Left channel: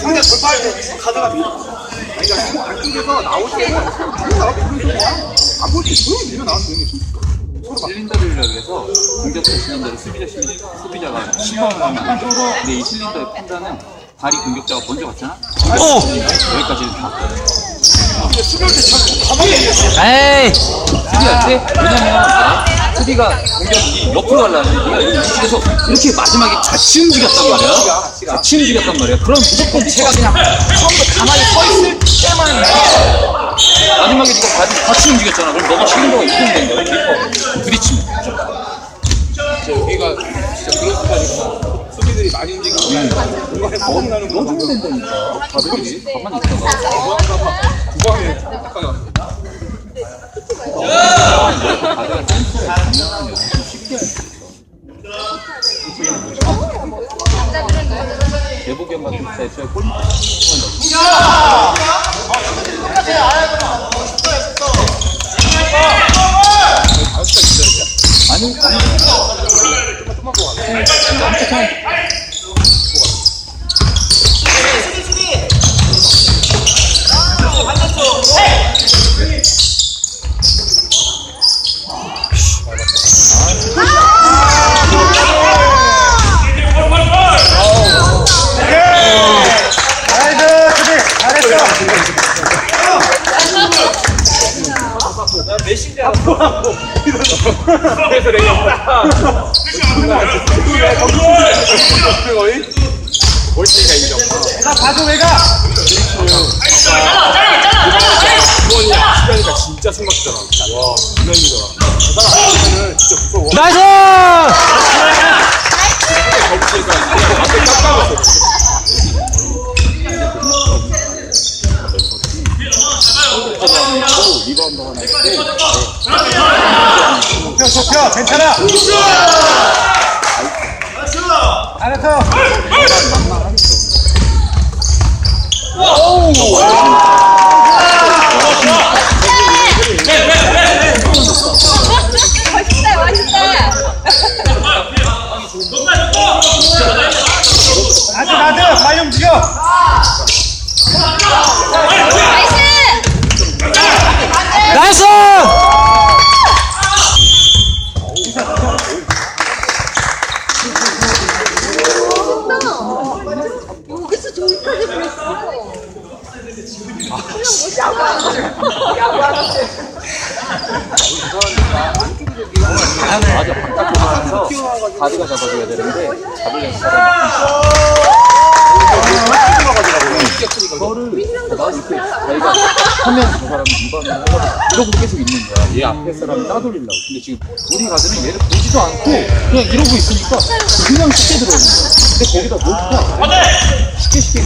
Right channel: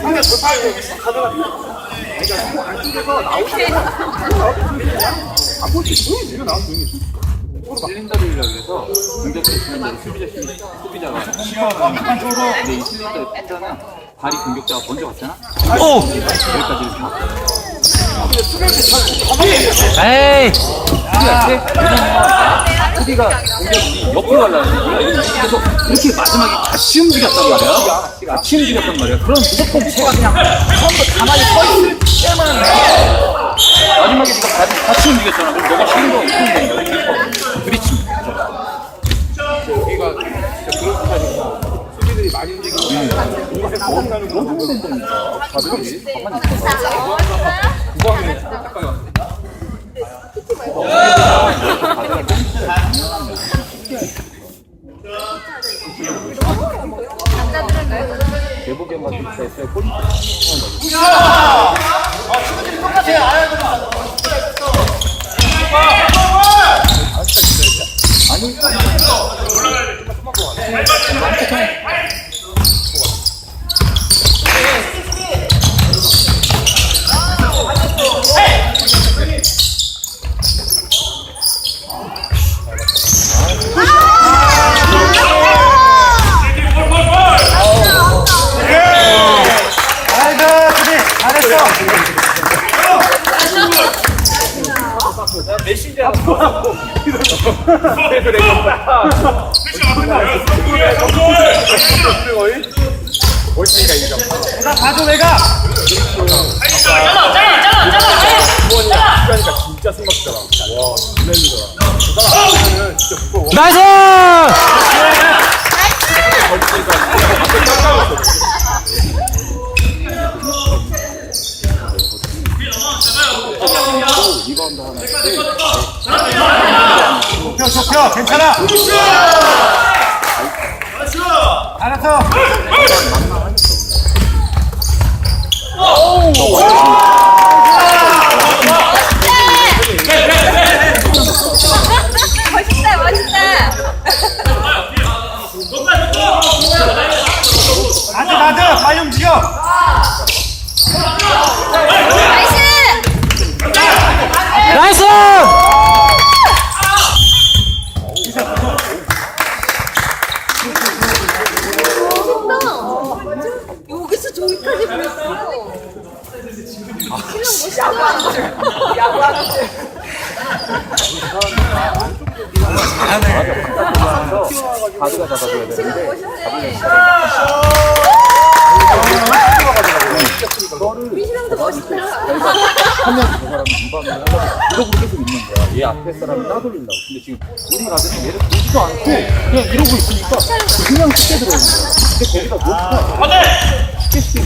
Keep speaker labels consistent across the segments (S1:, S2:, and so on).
S1: 가드가 밀어. 그러니까 안쪽에서 때는 안볼때 조용히 밀어 나와서 조용히
S2: 실린더를 그래서 공격수 대로 수비자 심 수비자가 심판을 하면 안 돼. 근데 이 실린더의 판단은 발이 공격자가 먼저 갔잖아.
S3: 오!
S2: 여기까지는 다.
S3: 에이!
S2: 수비할 때 왜냐면 수비가 공격이 옆으로 가려면 그래서 이렇게 마지막에 같이 움직였단 말이야. 같이 움직였단 말이야. 그럼 무조건 제가 그냥 처음부터 가만히 서 있을 때만 마지막에 네가 같이, 같이 움직였잖아. 그럼 너가 쉬는 거가 이렇게 된 거야. 부딪히면.
S1: 진짜 여기가 진짜 스타일이고 수비들이 많이 움직이고 뭔가 거듭나는 거
S2: 너무 된다니까. 가만히 있어.
S1: 거의 멀티가 이겨. 나 봐줘 내가. 시간이가 진짜 숨막히더라. 와, 유난이더라. 저 사람 아니면은 진짜 무서워.
S3: 나이스!
S2: 리바운드 하나
S1: 펴, 펴. 괜찮아. 알았어.
S4: 멋있다 멋있다
S1: 맞아, 맞아. 잘 움직여.
S4: 나이스
S3: 나이스!
S4: 여기서 저기까지 그랬어
S2: 맞아 바깥으로 하면서 가드가 잡아줘야 되는데 잡으려면 이거를 가만히 있고 저희가 하면 저 사람이 리바운드 하려고 이러고 계속 있는 거야. 얘 앞에 사람이 따돌리려고. 근데 지금 우리 가드는 얘를 보지도 않고 그냥 이러고 있으니까 그냥 쉽게 들어오는 거야. 근데 거기다 놓고 쉽게 쉽게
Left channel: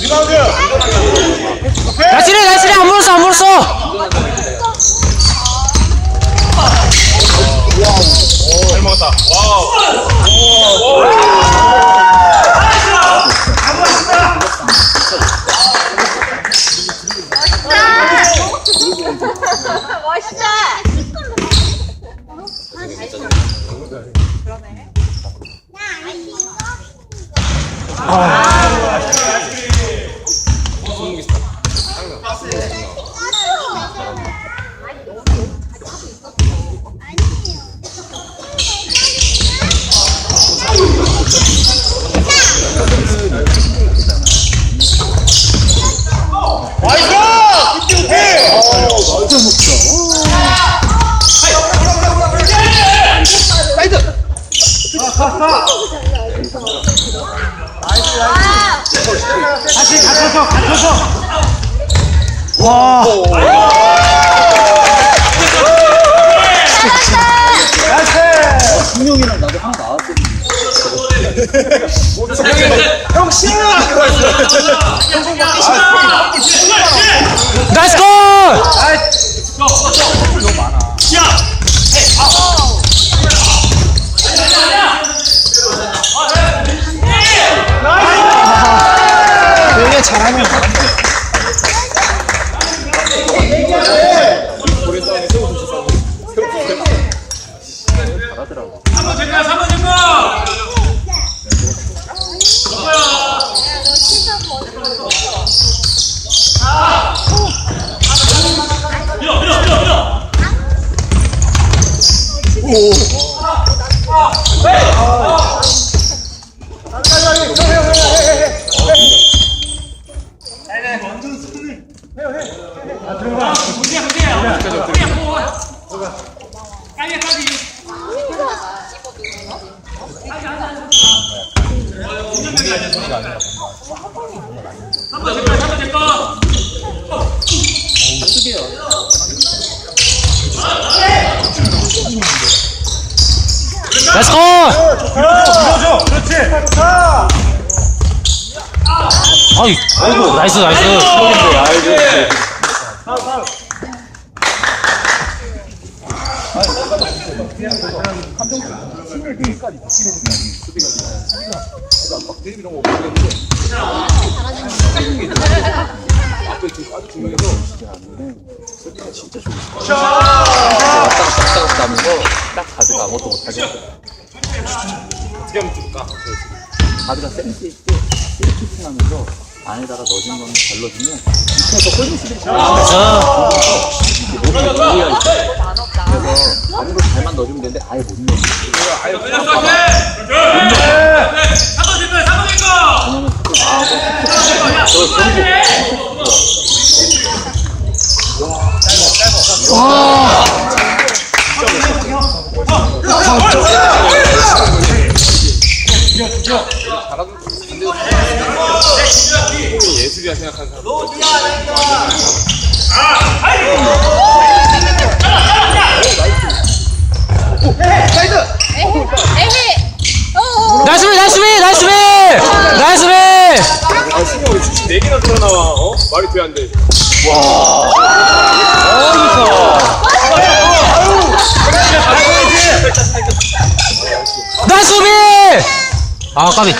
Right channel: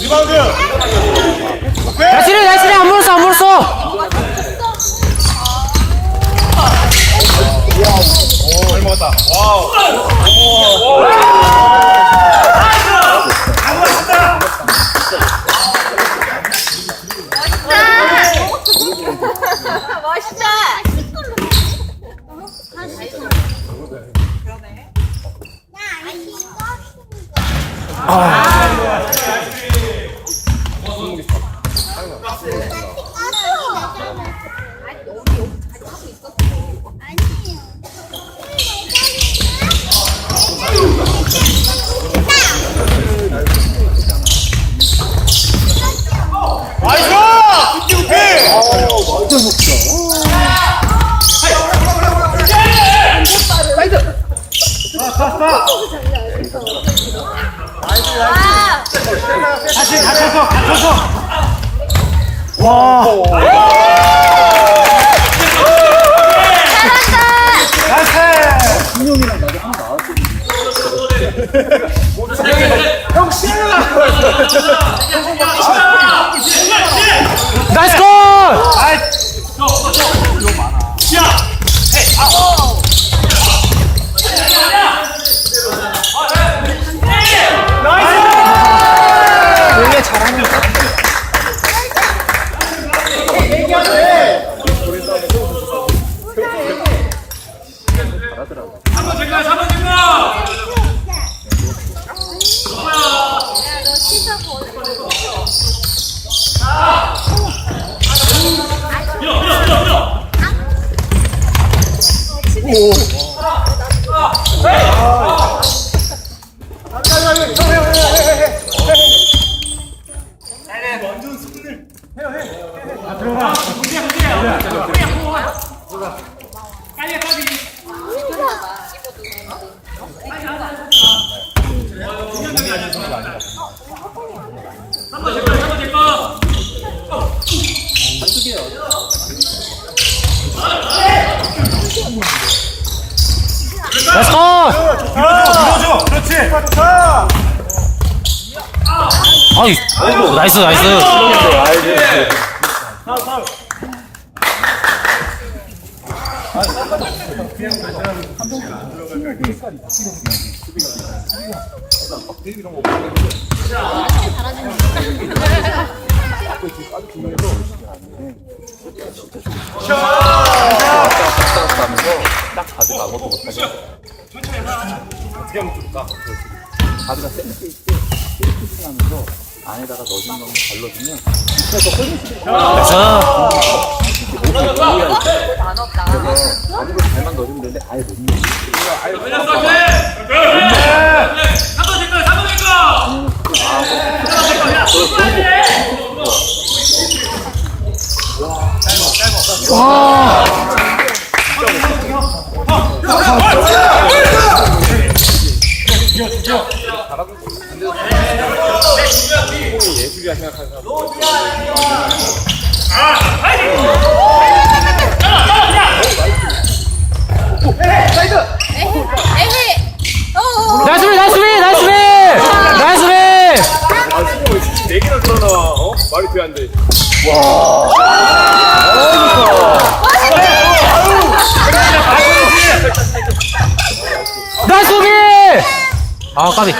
S1: 리바운드.
S3: 나이스리 나이스리 안 물었어 안 물었어!
S1: 잘 먹었다. 와우.
S4: 멋있다
S3: 와!
S2: 분명이 랑 나도 하나 나왔거든
S1: 형.
S3: 나이스 골!
S2: 원래 잘하는 거 잘하더라고.
S5: 3번 제거 3번 제거 밀어 밀어 밀어 밀어 까비야 까비 3번 제거 3번 제거
S3: 나이스 골! 아이, 나이스, 나이스.
S2: 그런데 아이고.
S1: 막 데뷔 이런 거 없는데. 앞에 두 두 명이서
S2: 왔다 갔다 왔다 갔다 하면서 딱 가드가 아무것도 못하게
S1: 어떻게 하면 좋을까?
S2: 가드가 센스 있게 힐키팅 하면서 안에다가 넣어준 거는 걸러주면 밑에서 골밑을
S3: 자,
S2: 이렇게 몸을 이해할 때 그래서 안으로 잘만 넣어주면 되는데 아예 못 넣어
S5: 걸렸어 오케이 3번 제거 3번 제거 3번 제거 야 쏘아야 돼
S1: 공이 예술이야 생각하는 사람.
S4: 에헤. 어.
S3: 나이스 비, 나이스 비, 나이스 비! 나이스 비!
S1: 아, 수고 왜 슈팅 네 개나 들어 나와? 어? 말이 돼안 돼?
S3: 나이스 비! 아, 까비.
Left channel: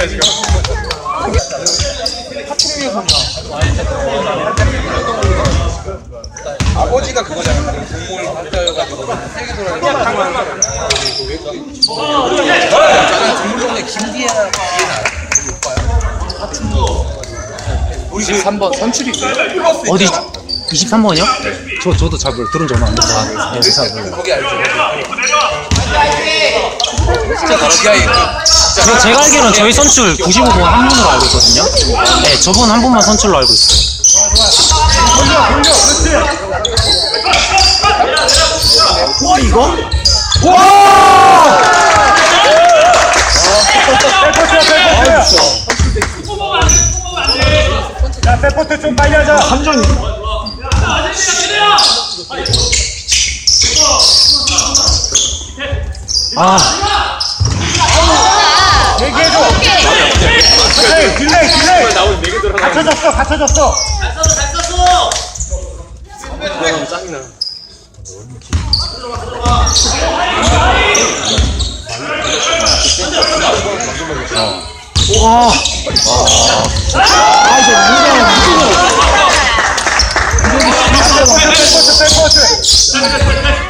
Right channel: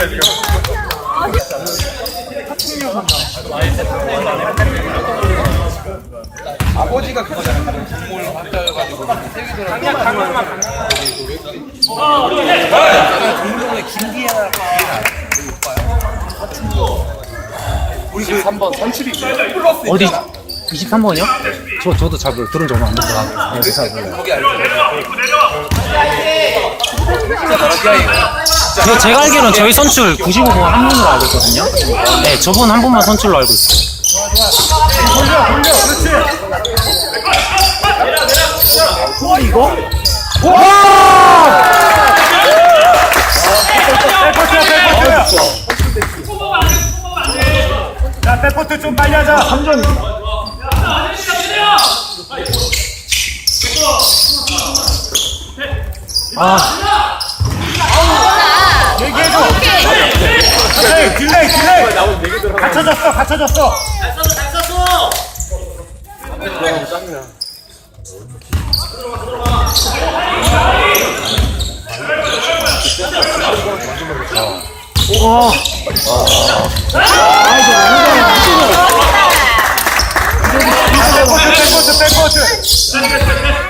S1: 여쭤봤어요 지금. 아버지가 그거잖아. 공무원을 받아가지고 세계 동물농의 김기아 기회나
S2: 23번 선출이
S3: 어디? 23번이요? 저, 저도 잘 몰라요. 들은 지 얼마 안 돼서. 네, 잘 몰라요.
S1: 거기 지하에
S3: 저, 제가 알기로는 저희 선출 95번 한 분으로 알고 있거든요. 네, 저분 한 분만 선출로 알고 있어요. 이거? 와!
S5: 뽑으면 안돼
S6: 야, 백포트 좀 빨리 하자.
S3: 완전
S5: 야 아저씨가 그래요
S3: 아,
S6: 딜레이, 딜레이, 딜레이.
S1: 나오는 네개 들어 나와.
S6: 갖춰졌어, 갖춰졌어.
S5: 잘 썼어 잘 썼어
S3: 와.
S6: 백포트, 백포트.
S5: 오늘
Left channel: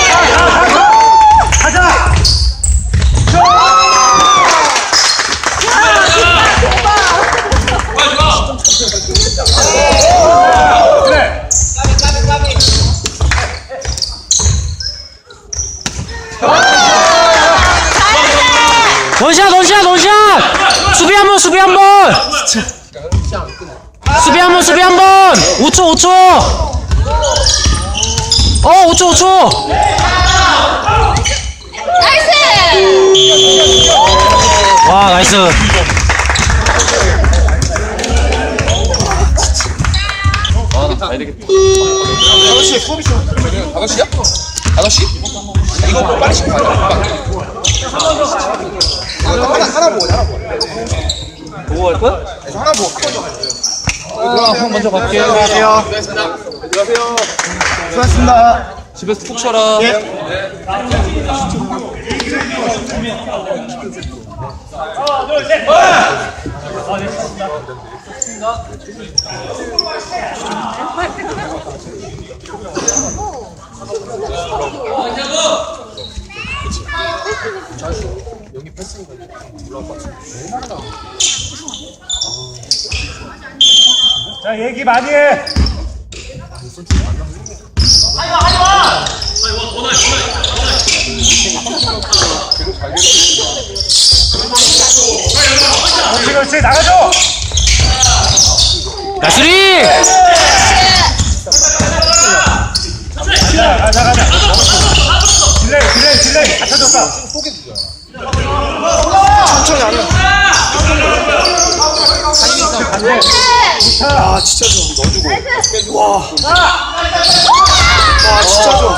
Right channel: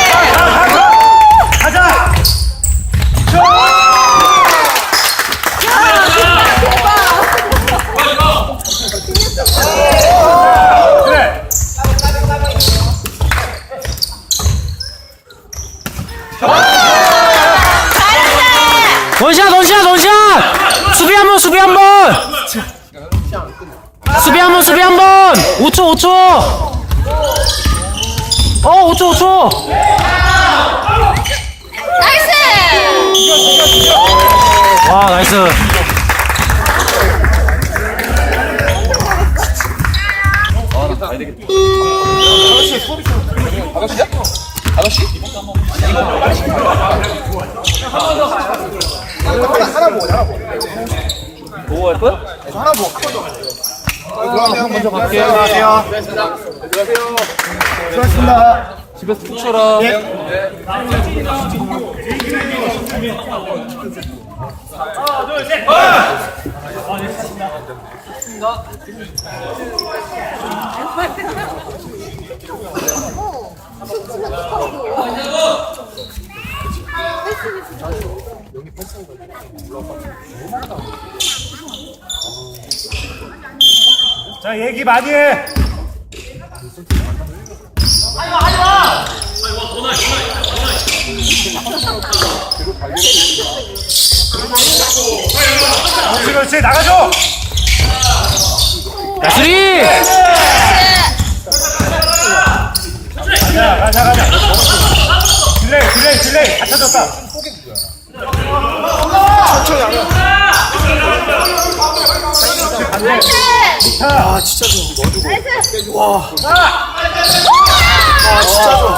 S5: 던샷
S6: 던샷 던샷! 수비 한번
S3: 수비 한번!
S6: 수비 한번 수비 한번!
S3: 5초 5초! 어 5초 5초!
S4: 나이스!
S3: 와 나이스.
S2: 먼저 갈게요.
S1: 안녕하세요 안녕하세요 수고하셨습니다
S2: 집에서 푹 쉬어라.
S6: 자, 얘기 많이 해. 그렇지, 그렇지, 나가줘!
S3: 나이스리
S6: 가자, 가자. 딜레이, 딜레이, 딜레이. 갖춰줬다.
S1: 천천히 하면 아 진짜 좋아. 넣어주고 와 와 진짜 좋아.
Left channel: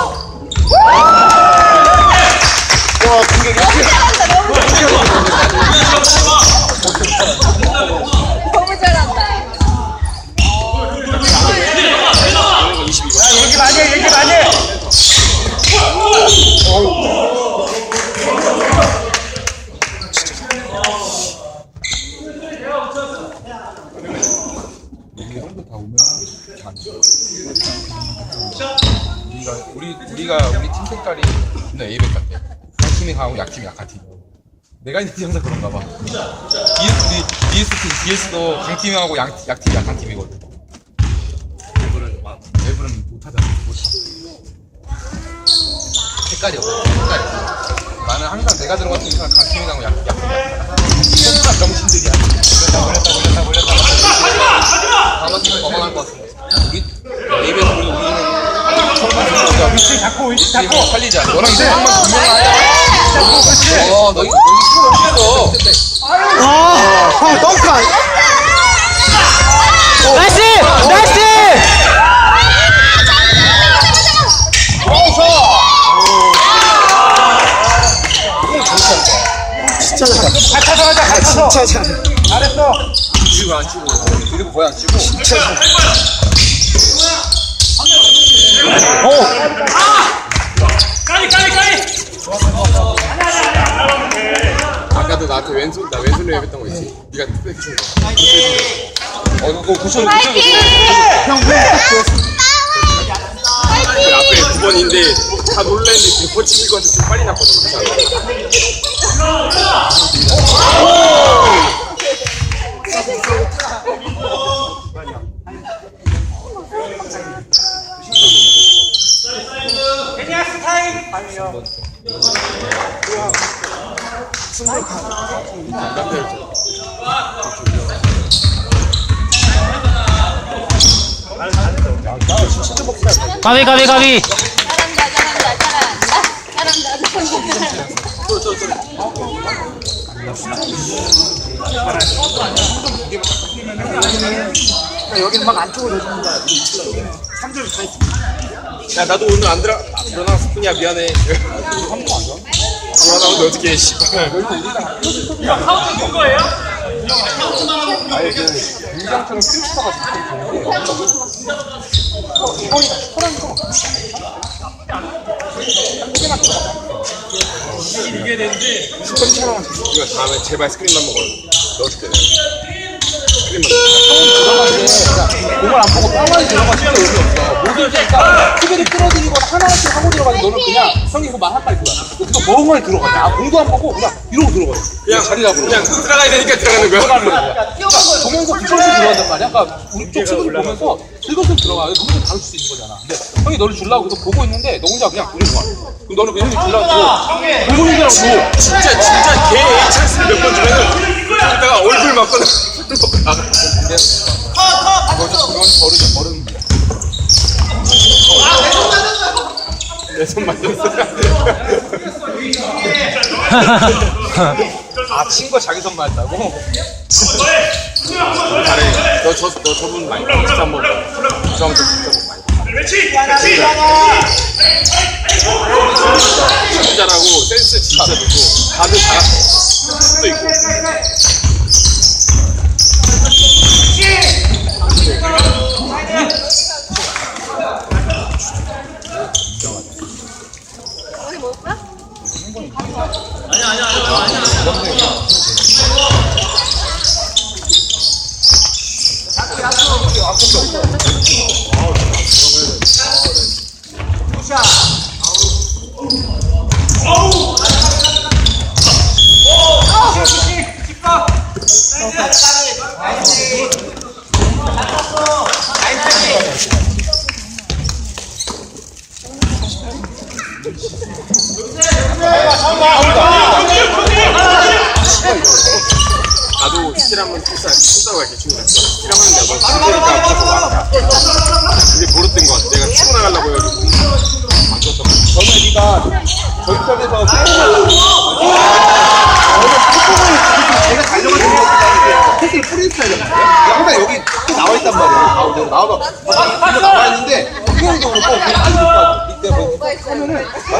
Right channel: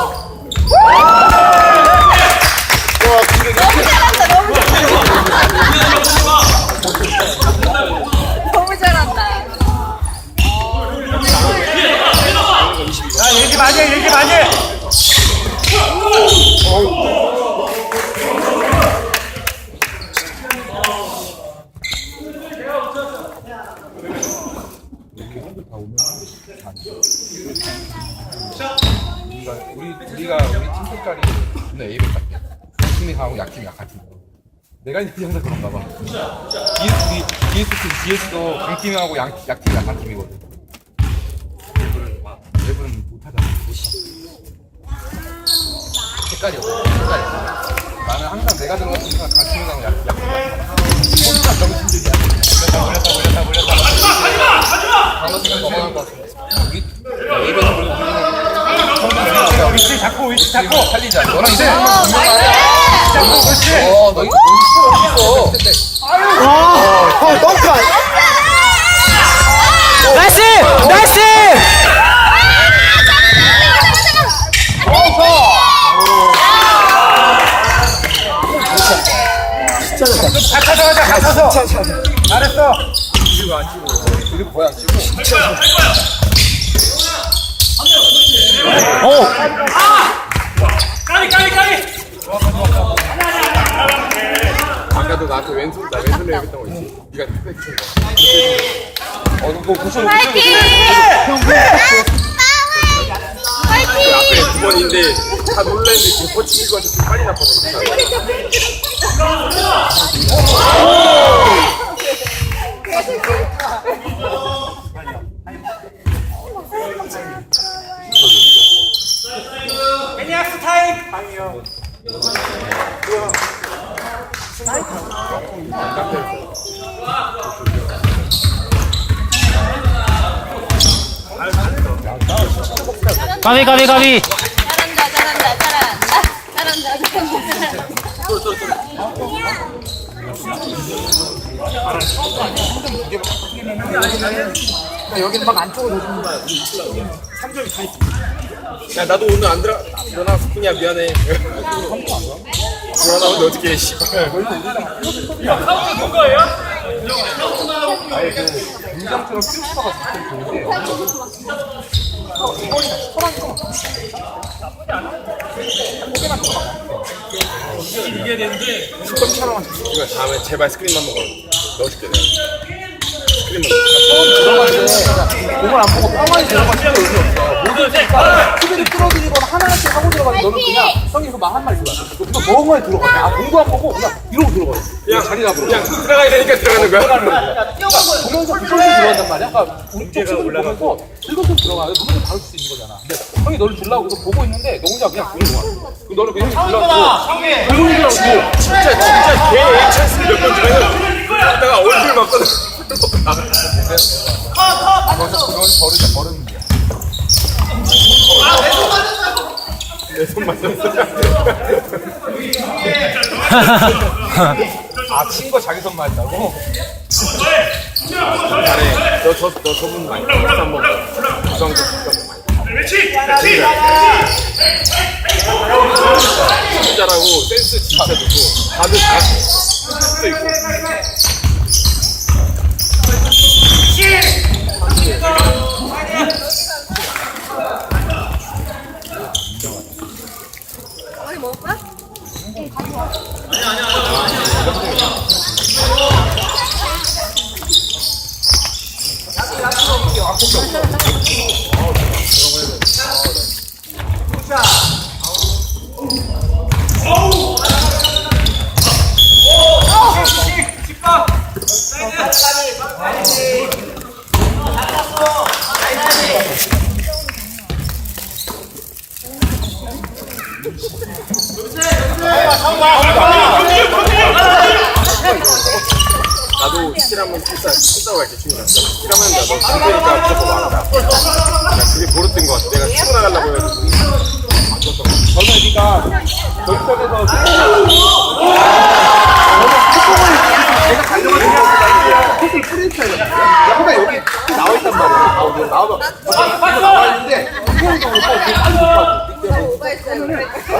S1: 와 공격 이렇게 없어. 색깔이. 나는 항상 내가 들어갔던 순간 강팀이 강하고 약 약한 병신들이야. 걸렸다 걸렸다 걸렸다 걸렸다. 강팀이 건강한 것 같아. 우리 A백 우리 우리는 우리가
S6: 위치 잡고, 위치 잡고.
S1: 살리자. 너랑 이제 한번 분명하야. 어, 너 이거 필요 없어. 형 덩크.
S3: 나이스 나이스
S6: 갖춰서.
S1: 진짜 잘.
S6: 잘했어.
S1: 이거 안 치고. 이거 뭐야 안 치고. 진짜 잘.
S3: 오
S5: 까비 까비 까비
S1: 아까도 나한테 왼손 나 왼손으로 해봤던 거 있지. 네가 특별히 준 거. 어 그거 고쳐놓고 그 앞에 두 번인데 다 놀랐는데 지금 고치는 건데 좀 빨리 났거든.
S6: 애
S3: 가비 가비 가비
S1: 여기는 막 안쪽으로 해주는 거야. 3점이 다 있어. 야, 나도 오늘 안 들어, 아, 들어나왔을 뿐이야. 미안해. 한번안 들어? 들어나오는데 어떻게 해, 씨발.
S5: 사운드 누 거예요?
S1: 아예 그, 민정처럼 필수가 좀 좋은데. 이번이 다 슈퍼라니까. 한국에만.
S5: 이게 되는데
S1: 10점 차로만 줬어. 이거 다음에 제발 스크린만 먹어. 넣어줄게, 내가. 스크린만 먹어. 그러니까 공을 안 보고 뻥하니 들어가 진짜 의미 없어. 모든 때니까 수비를 끌어들이거나 하나씩 하고 들어가지 너는 그냥 형이 그거 말한 말 들어. 그거 멍하니 들어가. 아, 공도 안 보고 그냥 이러고 들어가. 그냥 자리 잡으러. 그냥 들어가야 되니까 들어가는 거야. 보면서 부천시 들어간단 말이야. 그러니까 우리 쪽 친구들 보면서 즐겁게 들어가. 누구든 다룰 수 있는 거잖아. 근데 형이 너를 주려고 그거 보고 있는데 너 혼자 그냥 그러고 와. 그럼 너는 그 형이 주려고 동동이랑 뭐 진짜 진짜 개 A 찬스 몇번 주면은 그러다가 얼굴 맞거나. 아, 친거 자기 선마했다고? 아니, 너, 저, 너 저분 많이 잘하고. 센스 진짜 좋고. 다들 잘하고
S4: 우리
S1: 나도 스틸하면 풀사, 풀사로 갈게, 친구랑. 스틸하면 내가 너 죽으니까 무조건 말아라. 나 그게 버릇된 것 같아. 내가 나가려고 해가지고. 전화기가 저희 편에서 제가 가려고 생각했다는 게 뿌렸어야 되는데 얘가 여기 또 나와 있단 말이야 가운데 나와서 나와 있는데 수영적으로 또 빨리 가고 밑에 뭐 하면은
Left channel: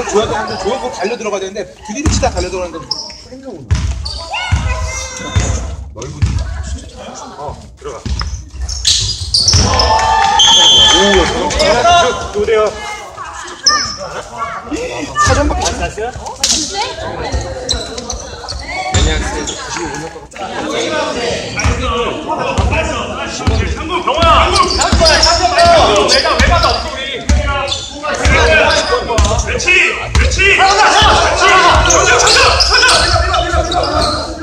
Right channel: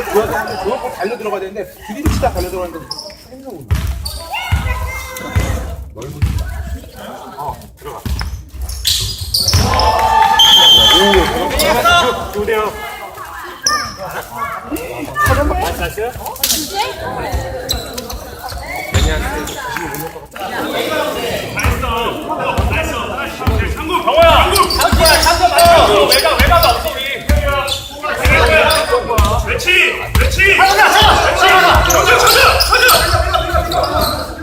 S1: 줘야 고 달려 들어가야 되는데 드리블 치다 달려 들어가는데
S6: 넓은지. 어, 들어가. 오대요
S5: 사전 받기 다시요? 경호야!
S1: 내가 내가 나 없어 우리 형이랑
S5: 그렇지!
S1: 그렇지! 하나 하나 하나 하나 하나 하나
S5: 하나 하나 하나
S1: 하나 하나 하나